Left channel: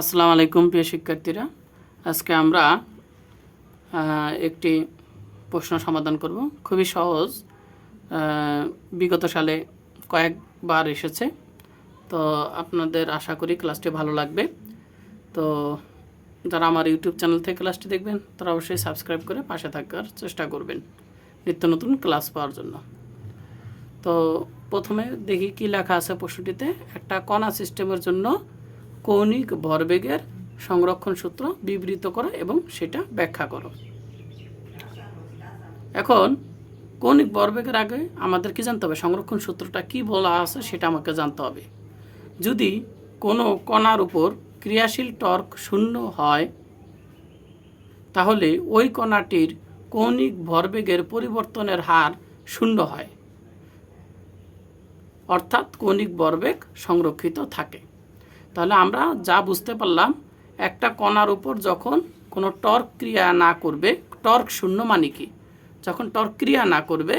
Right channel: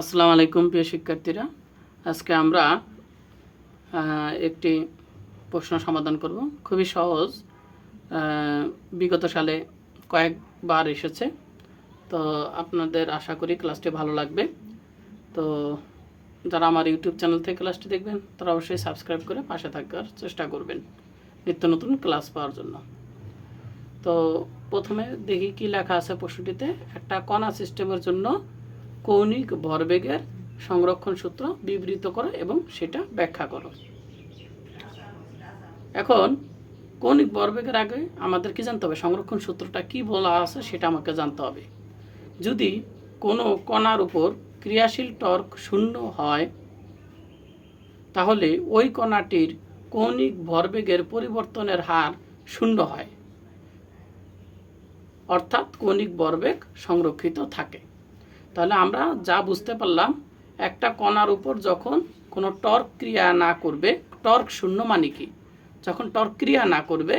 আসসালামু আলাইকুম, প্রিয় শিক্ষার্থীরা। আজকে আমরা একটি প্রশ্ন সমাধান করব। খুবই সহজ বিগত সালে কয়েকবার এসেছে। তো আপনাদের আশা করি ক্লাসটি ভালো লাগবে। তো যারা আমার ইউটিউব চ্যানেল থেকে ক্লাসটি দেখবেন, তারা অবশ্যই সাবস্ক্রাইব করে পাশে থাকার চেষ্টা করবেন নিত্য নতুন ক্লাস পাওয়ার জন্য। তো প্রথমে দেখি কি লেখা আছে প্রশ্নটিতে। একটা কণা সিস্টেমের জন্য কৌণিক ভরবেগের সংরক্ষণ সূত্র বিবৃত করো এবং সেটা ব্যাখ্যা করো। এখন, কৌণিক ভরবেগের আগে আমাদের কি জানতে হবে? সংরক্ষণ সূত্রটা কি বলা আছে সেটা আমাকে জানতে হবে। যদি কোনো কণার উপর ক্রিয়াশীল টর্ক শূন্য হয়, তাহলে ওই কণাটির কৌণিক ভরবেগের পরিবর্তনের হার শূন্য হয়। অর্থাৎ কৌণিক ভরবেগ সংরক্ষিত থাকে। তাহলে আমরা যা বুঝতে পারলাম, একটা কণার উপর যখন কোনো টর্ক ক্রিয়া না করবে, টর্ক শূন্য মানে কি? যখন টর্ক ক্রিয়া না করবে,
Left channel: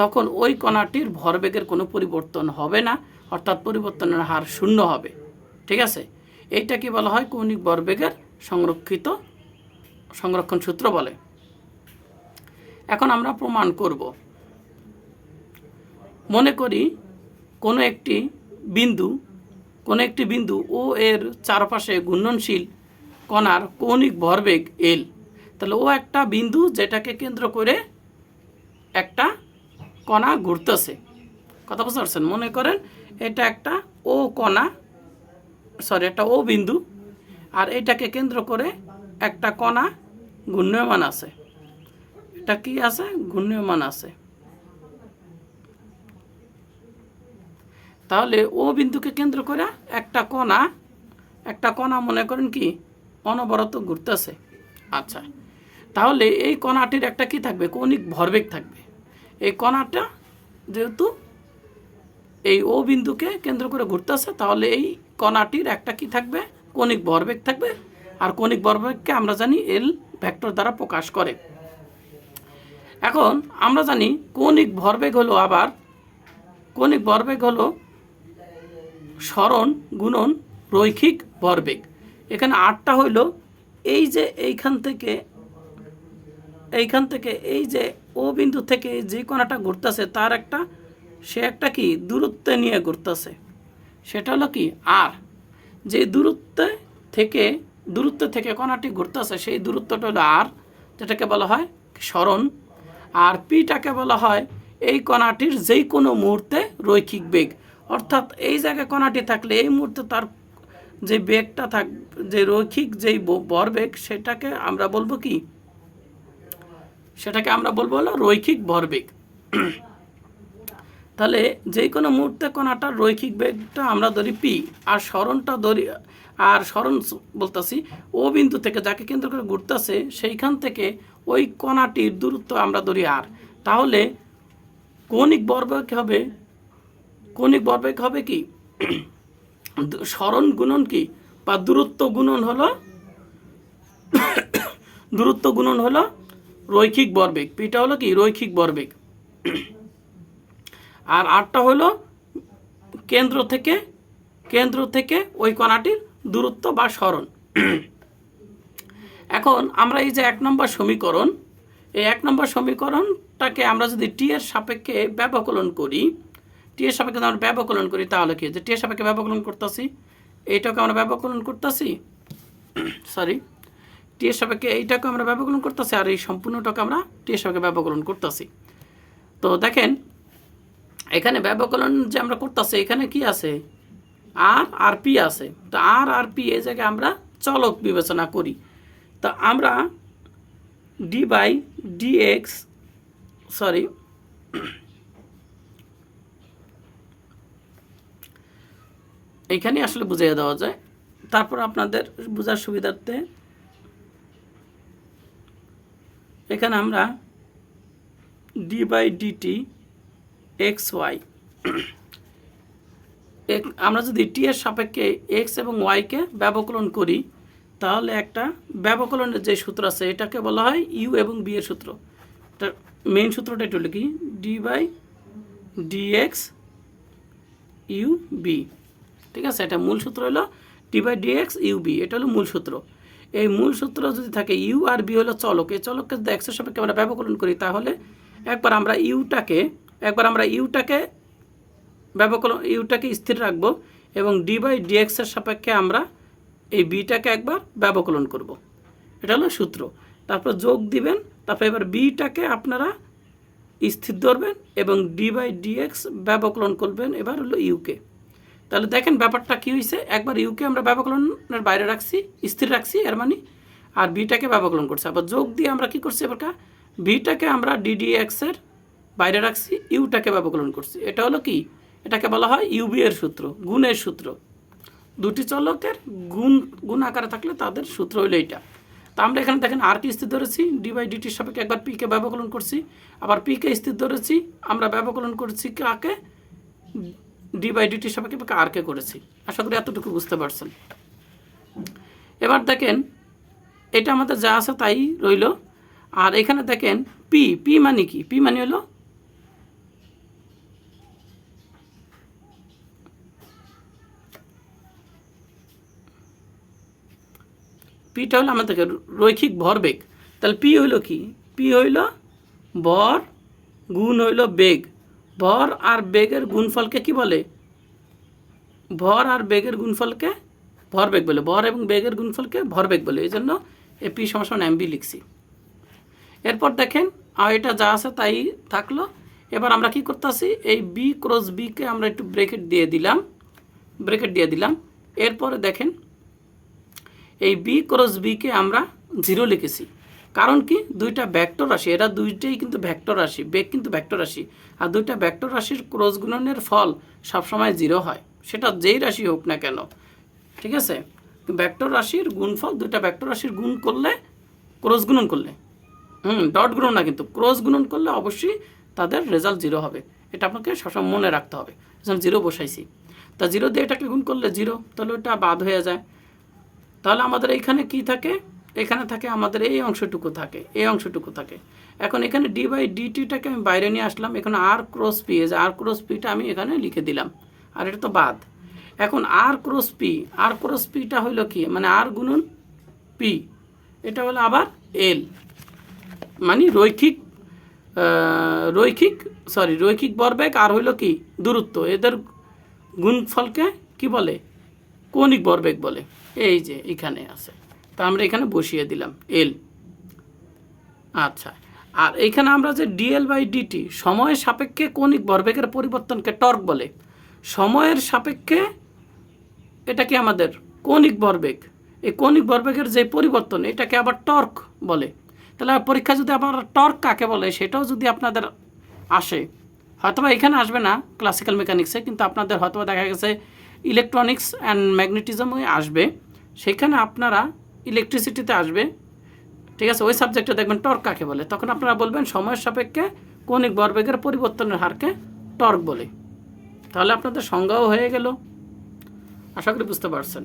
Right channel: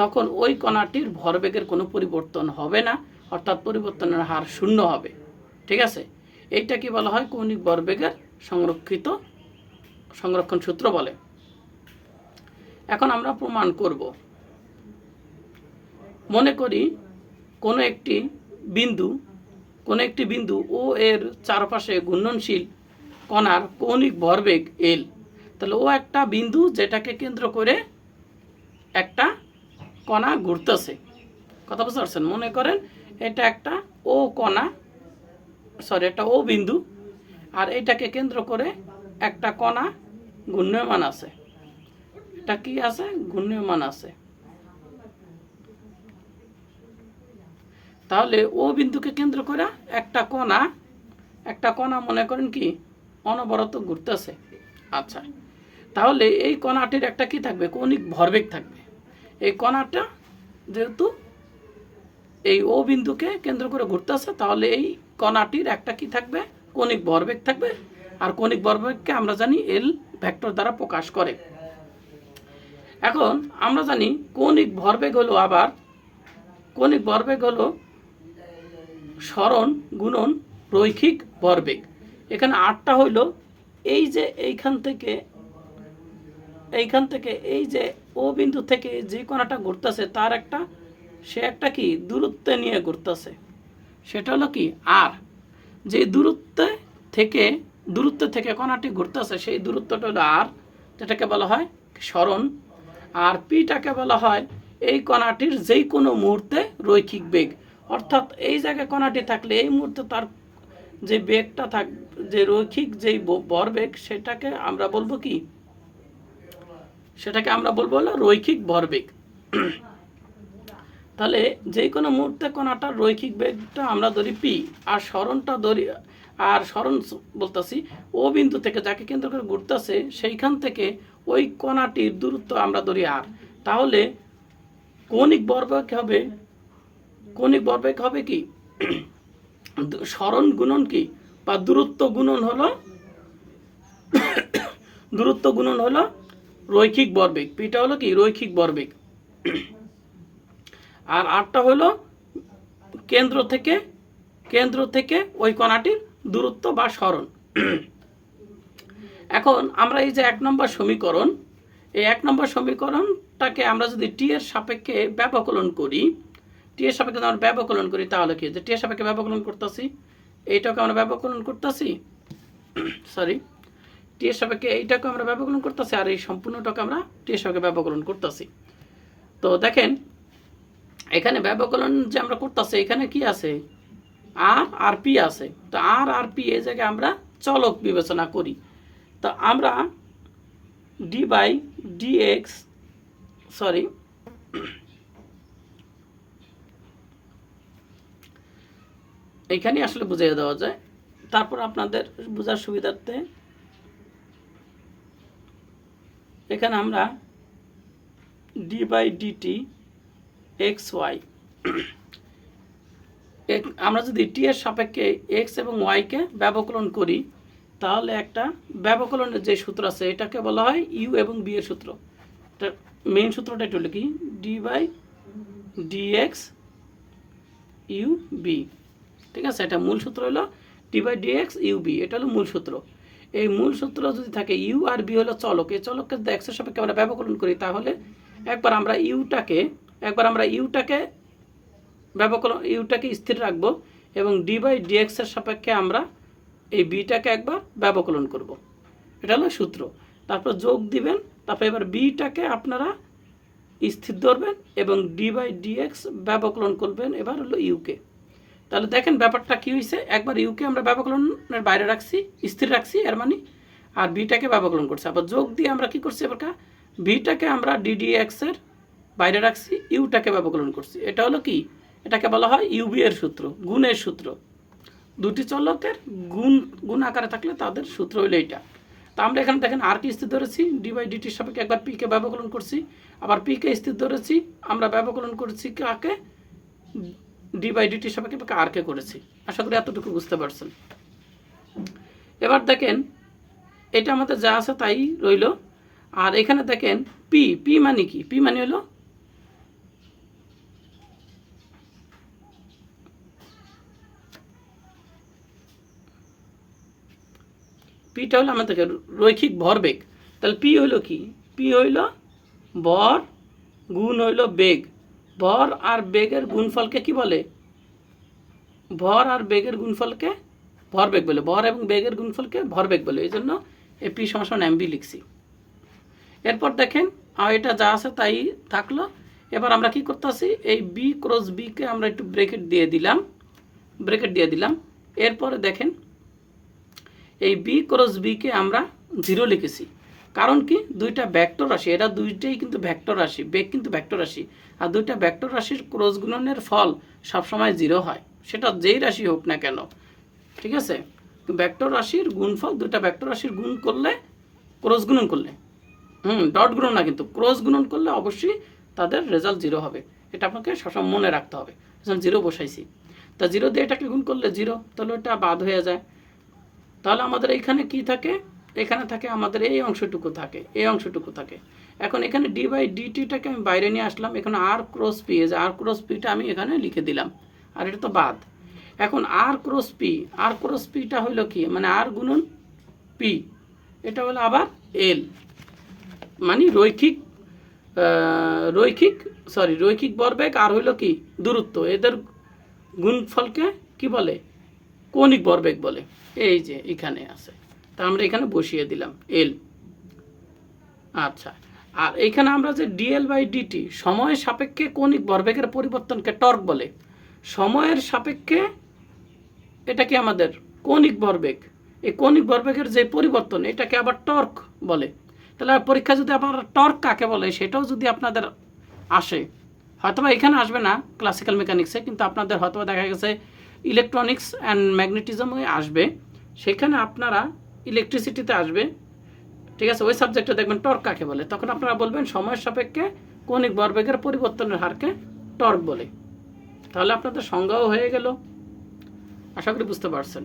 তখন ওই কণাটির ভরবেগের কোনো পরিবর্তন হবে না, অর্থাৎ পরিবর্তনের হার শূন্য হবে। ঠিক আছে? এইটা কি বলা হয়? কৌণিক ভরবেগের সংরক্ষিত, সংরক্ষণ সূত্র বলে। এখন আমরা প্রমাণ করব। মনে করি কোনো একটি বিন্দু কোনো একটি বিন্দু ও এর চারপাশে ঘূর্ণনশীল কণার কৌণিক ভরবেগ এল তাহলে ও একটা বিন্দু যেটাকে কেন্দ্র করে একটা কণা ঘুরতেছে। কথা বুঝতে পারছেন? মনে করেন এটা একটা ও কণা সরি একটা ও বিন্দু, আর এটাকে কেন্দ্র করে একটা কণা ঘূর্ণয়মান আছে। এটা কি আছে? ঘূর্ণয়মান আছে। তাহলে ও বিন্দুকে কেন্দ্র করে একটা কণা একটা কণা মনে করেন কি, অনবরত ঘুরতেছে। আচ্ছা তাহলে এই কণাটির একটা কি থাকবে? কৌণিক ভরবেগ থাকবে। এই কণাটা যেহেতু এই ও বিন্দুকে কেন্দ্র করে ঘুরতেছে, তাহলে এই কণাটির একটা কি থাকবে? কৌণিক ভরবেগ থাকবে। আর কৌণিক ভরবেগকে আমরা জানি এল ভেক্টর দ্বারা প্রকাশ করে। এখন আমরা জানি কৌণিক ভরবেগ হলো আবার, কৌণিক ভরবেগ হলো স্মরণ, গুণন, রৈখিক ভরবেগ এখানে আটটা হইল, এই যে এইখান থেকে এইখান থেকে, এই যে ও বিন্দু থেকে যে কোণাটা ঘুরতেছে, তার একটা, সে একটা কি? দূরত্বে নিয়ে ঘুরতেছে। সেটা হলো কি? আর যে দূরত্বে থেকে, দূরত্ব থেকে কণাটি ঘুরতেছে, সেই দূরত্বটা হলো আর, যেটাকে বলা হয় স্মরণ। আর পিটাকে বলা হয়, এই কণাটির যেই কোনো মুহূর্তে রৈখিক বেগ। অর্থাৎ এই জায়গায় কণাটি থাকলে এই মুহূর্তে তার যে বেগটা থাক, যে রৈখিক যেই ভরবেগ সেটাকে আমরা বলব কি? সেটাকে আমরা বলব হলো রৈখিক ভরবেগ তাহলে যে কোনো মুহূর্তে কণাটার রৈখিক বেগটা আমরা ধরি পি, আর স্মরণটা ধরি, আর স্মরণ বলতেছি, ও বিন্দু থেকে যাকে কেন্দ্র করে ঘুরতেছে, সেইখান থেকে ওই কণাটির দূরত্ব আমরা ধরি আর। তাহলে কৌণিক ভরবেগ হবে? কৌণিক ভরবেগ হবে কি? স্মরণ গুণন কি? বা দূরত্ব গুণন হলো, দূরত্ব গুণন হলো রৈখিক ভরবেগ পিটা হলো কি? রৈখিক ভরবেগ আর আটটা হলো কেন্দ্র থেকে কেন্দ্র থেকে ওই কণাটির দূরত্ব বা স্মরণ। এখন আমরা এই যে এক নম্বর সমীকরণ, এই এক নম্বর সমীকরণটাকে আমরা যদি টি এর সাপেক্ষে ব্যবকলন করি টি এর সাপেক্ষে আমরা ব্যবকলন করি, তাহলে কি? যে টি এর সাপেক্ষে ব্যবকলন করতেছি, এইটাকে আমরা ব্যবকলন করতেছি সরি টি এর সাপেক্ষে এইটাকে আমরা ব্যবকলন করতেছি, আর এই সম্পূর্ণটাকে আমরা টি এর সাপেক্ষে ব্যবকলন করতেছি। তো দেখেন, এখানে ব্যবকলন যে আমরা করতেছি, এখানে কি আছে? আর আর পি আছে। তো আর আর পি এই জায়গায় আমরা চলক বিবেচনা করি। তো আমরা D by D X sorry এইখানে আসলে বুঝিয়ে দেওয়া যায়। তারপর আপনাদের বোঝার সুবিধার্থে এখানে আমরা D by D T X Y আমরা যদি টি এর সাপেক্ষে এক্স এবং ওয়াইকে ব্যবকলন করি, তাহলে একটা ব্যবকলনের যে সূত্র আছে, এটাকে বলা হয় ইউ এবং বি এর সূত্র। মেইন সূত্রটা একটু লিখি D by D X U V ঠিক আছে? এটা মূল সূত্র হলো T by D X U V এটা হলো মূল সূত্র। এই মূল সূত্র যদি থাকে ইউ আর বি হলো চলক, এই চলককে যদি এক্সের সাপেক্ষে আমরা ব্যবকলন করি, তাহলে একবার আমরা ইউটাকে একবার আমরা ইউটাকে ব্যবকলন ইউটাকে স্থির রাখব এবং ডি বাই ডিএক্সের সাপেক্ষে আমরা এই বিটাকে একবার ব্যবকলন করব। এটা হলো সূত্র। তারপর যোগ দিবেন, তারপর এবার বিটাকে আপনারা স্থির ধরবেন এবং ডি বাই ডিএক্স ব্যবকলন করবেন, এবার হলো ইউকে তাহলে দেখেন ব্যাপারটা কী হয়েছে একবার ইউকে আমরা ব্যবকলনের বাইরে রাখছি, স্থির রাখছি, এর মানে আর বিটাকে ব্যবকলন করছি। আবার যোগ দিয়ে আমরা কি করছি এবার বিটাকে আমরা ডিডিএক্সের বাইরে রাখছি ইউটাকে ব্যবকলন করছি। এটা হলো কি? এটাকে বলা হয় ইউবি এর সূত্র, গুণের সূত্র। দুটি চলকের গুণ গুণ আকারে থাকলে তাদের সূত্র হইল এইটা। তা আমরা এখানে দেখেন আর কে স্থির ধরেছি ডি বাই ডিটির সাপেক্ষে একবার পিকে ব্যবকলন করছি। আবার পিকে স্থির ধরেছি, আমরা ব্যবকলন করছি কাকে? ডি বাই ডিটির সাপেক্ষে আর কে করেছি। আশা করি এতটুকু বুঝতে পারছেন। এবার দেখেন, এটা আমাদের যা আছে তাই রইল। আর এখানে দেখেন পি পি মানে কি? পি মানে হলো পিটা হলো আমাদের রৈখিক ভরবেগ। তাহলে পি হইল কি? পি হইল ভর গুণ হইল বেগ। ভর আর বেগের গুণফলকে কি বলে? ভর আর বেগের গুণফলকে ভরবেগ বলে। ভর এবং বেগের গুণফলকে ভরবেগ বলে। এই জন্য এ পি সমান এমবি লিখছি। এরপর দেখেন আর এটা যা আছে তাই থাকল। এবার আমরা কি করতেছি এই বি ক্রস বিকে আমরা একটু ব্রেকেট দিয়ে দিলাম। ব্রেকেট দিয়ে দিলাম। এরপরে দেখেন, এই বি ক্রস বিকে আমরা জিরো লিখেছি। কারণ কি? দুইটা ভ্যাক্টর রাশি এরা দুইটাই কিন্তু ভ্যাক্টর রাশি বেগ কিন্তু ভ্যাক্টর রাশি আর দুইটা ভ্যাক্টর রাশির ক্রস গুণনের ফল সবসময় জিরো হয়। সেটা যেই রাশি হোক না কেন। ঠিক আছে? ভ্যাক্টর রাশির গুণফল, দুইটা ভ্যাক্টর রাশির গুণ করলে ক্রস গুণন করলে। হুম ডট গুণন না কিন্তু ক্রস গুণন করলে অবশ্যই তাদের রেজাল্ট জিরো হবে। এটা আপনাকে সবসময় মনে রাখতে হবে। জিরো বসাইছি। তা জিরো দিয়ে এটাকে গুণ করলে জিরো তাহলে ওটা বাদ হয়ে যায়। তাহলে আমাদের এইখানে কি থাকে? এখানে থাকে, আমাদের এই অংশটুকু থাকে, এই অংশটুকু থাকে। এখন এখানে ডি বাই ডিটিটাকে আমি বাইরে নিয়ে আসলাম, এখানে আর ক্রস পি এই যে আর ক্রস পিটা আমি এখানে লিখে দিলাম, আর এটা তো বাদ। এখন R cross P R cross পিটা হইল কি? মানে আর গুণন পি এটা হলো আবার এল মানে রৈখিক রৈখিক সরি রৈখিক বরবেগ, আর হইল কি? দূরত্ব। এদের গুণফলকে কি বলে? কৌণিক বরবেগ বলে। এই যে এখানে আছে। তা আমরা এখানে বসিয়ে দিলাম এল আচ্ছা আর এইখানে আমরা যে ডিএল বাই ডিটি সময়ের সাপেক্ষে কৌণিক ভরবেগের পরিবর্তনকে টর্ক বলে। সময়ের সাপেক্ষে এটা কি আমাদের কৌণিক ভরবেগ? এই কৌণিক ভরবেগের যে পরিবর্তন, এটাকে আবার টর্ক বলে। তাহলে পরীক্ষা যদি আপনারা টর্ক কাকে বলে, সেটাও যদি আপনাদের আসে, হয়তোবা এখানে আসবে না ক্লাসিক্যাল মেকানিক্সে কিন্তু আপনাদের হয়তোবা দেখা গেছে ইলেকট্রনিক্স অ্যান্ড ম্যাগনেটিজমই আসবে। সেখানে আপনারা ইলেকট্রিসিটিতে আসবে, ঠিক আছে? ওই সাবজেক্টে দেখবেন টর্ক কাকে বলে? তখন আপনারা বলবেন সময়ের সাপেক্ষে কৌণিক ভরবেগের পরিবর্তনের হারকে টর্ক বলে। তাহলে আপনাদের সংজ্ঞাও হয়ে গেল। আশা করি বুঝতে পারছেন।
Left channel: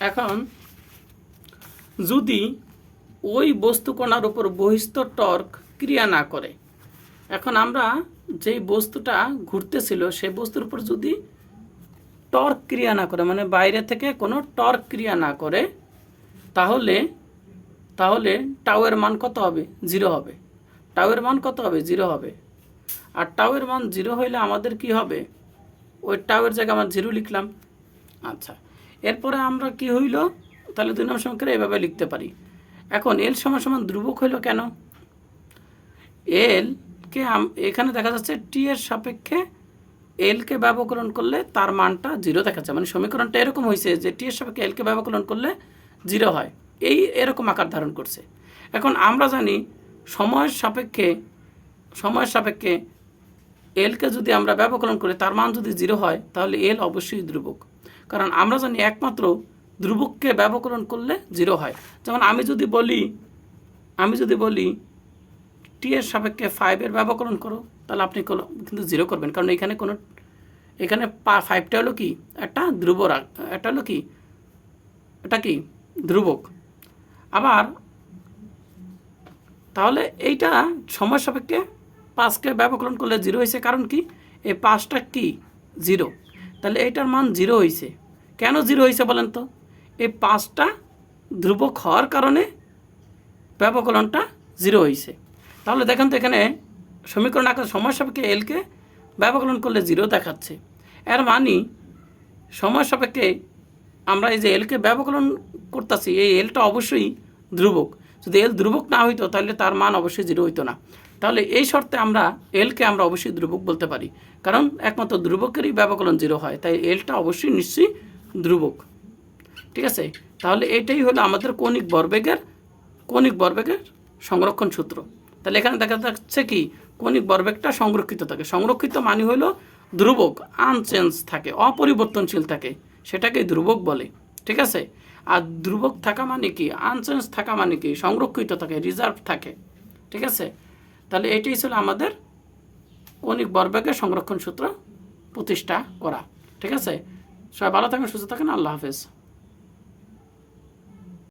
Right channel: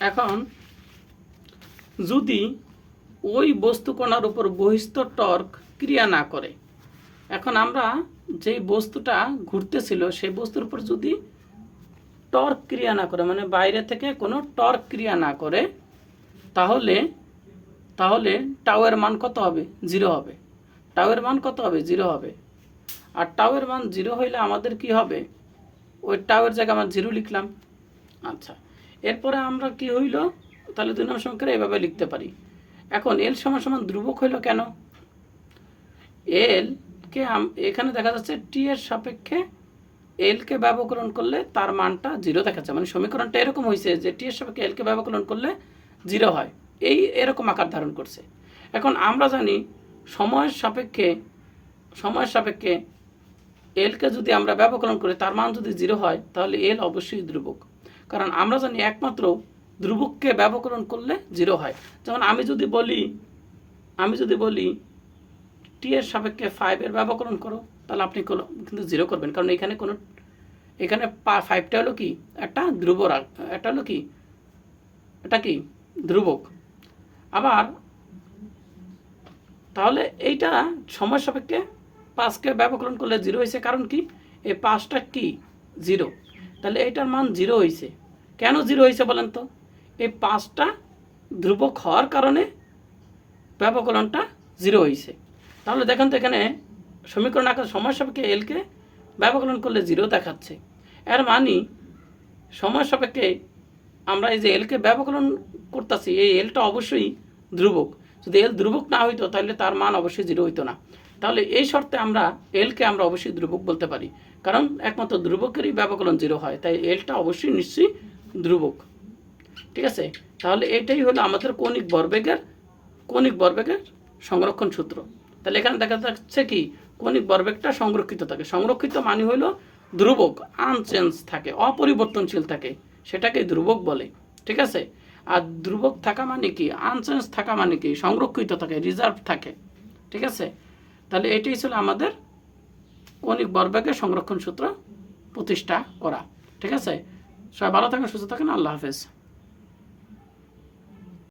এখন, যদি ওই বস্তুকণার উপর বহিস্থ টর্ক ক্রিয়া না করে, এখন আমরা যেই বস্তুটা ঘুরতেছিল, সেই বস্তুর উপর যদি টর্ক ক্রিয়া না করে মানে বাইরে থেকে কোনো টর্ক ক্রিয়া না করে, তাহলে তাহলে টাওয়ের মান কত হবে? জিরো হবে। টাওয়ের মান কত হবে? জিরো হবে। আর টাওয়ের মান জিরো হইলে আমাদের কি হবে? ওই টাওয়ের জায়গায় আমার জিরো লিখলাম। আচ্ছা। এরপরে আমরা কি হইল? তাহলে দুই নম্বর সংখ্যা এভাবে লিখতে পারি। এখন এল সমান সমান ধ্রুবক হইল কেন? এল কে এখানে দেখা যাচ্ছে টি এর সাপেক্ষে এলকে ব্যবকরণ করলে তার মানটা জিরো দেখাচ্ছে মানে সমীকরণটা এরকম হয়েছে যে টি এর সাপেক্ষে এলকে ব্যবকরণ করলে জিরো হয়। এই এরকম আকার ধারণ করছে। এখন আমরা জানি সময়ের সাপেক্ষে সময়ের সাপেক্ষে এলকে যদি আমরা ব্যবকলন করি, তার মান যদি জিরো হয়, তাহলে এল অবশ্যই ধ্রুবক। কারণ আমরা জানি একমাত্র ধ্রুবককে ব্যবকরণ করলে জিরো হয়। যেমন আমি যদি বলি, আমি যদি বলি টি এর সাপেক্ষে ফাইভের ব্যবকরণ করো, তাহলে আপনি কোনো- কিন্তু জিরো করবেন। কারণ এখানে কোনো, এখানে পা ফাইভটা হলো কি? একটা ধ্রুব একটা হলো কি? এটা কি? ধ্রুবক। আবার তাহলে এইটা সময় সাপেক্ষে পাঁচকে ব্যবকরণ করলে জিরো হয়েছে। কারণ কি? এই পাঁচটা কি? জিরো তাহলে এইটার মান জিরো হয়েছে কেন জিরো হয়েছে বলেন তো? এই পাঁচটা ধ্রুবক হওয়ার কারণে ব্যবকলনটা জিরো হয়েছে তাহলে দেখেন তো এখানে সমীকরণ আকার সময় সাপেক্ষে এলকে ব্যবকলন করলে জিরো দেখাচ্ছে। এর মানে সময় সাপেক্ষে আমরা এই যে এলকে ব্যবকলন করতেছি, এই এলটা অবশ্যই ধ্রুবক। যদি এল ধ্রুবক না হইতো, তাহলে তার মান অবশ্যই জিরো হইতো না। তাহলে এই শর্তে আমরা এলকে আমরা অবশ্যই ধ্রুবক বলতে পারি। কারণ একমাত্র ধ্রুবকেরই ব্যবকলন জিরো হয়, তাই এলটা অবশ্যই নিশ্চয়ই ধ্রুবক। ঠিক আছে? তাহলে এটাই হলো আমাদের কৌণিক বরবেগের কৌণিক বরবেগের সংরক্ষণ সূত্র। তাহলে এখানে দেখা যাচ্ছে কি? কৌণিক বরবেগটা সংরক্ষিত থাকে। সংরক্ষিত মানে হলো ধ্রুবক আনচেঞ্জ থাকে, অপরিবর্তনশীল থাকে। সেটাকে ধ্রুবক বলে। ঠিক আছে? আর ধ্রুবক থাকা মানে কি? আনচেঞ্জ থাকা মানে কি? সংরক্ষিত থাকে রিজার্ভ থাকে। ঠিক আছে? তাহলে এটাই ছিল আমাদের অনেক বরবেগের সংরক্ষণ সূত্র প্রতিষ্ঠা করা। ঠিক আছে? সবাই ভালো থাকেন, সুস্থ থাকেন, আল্লাহ হাফেজ।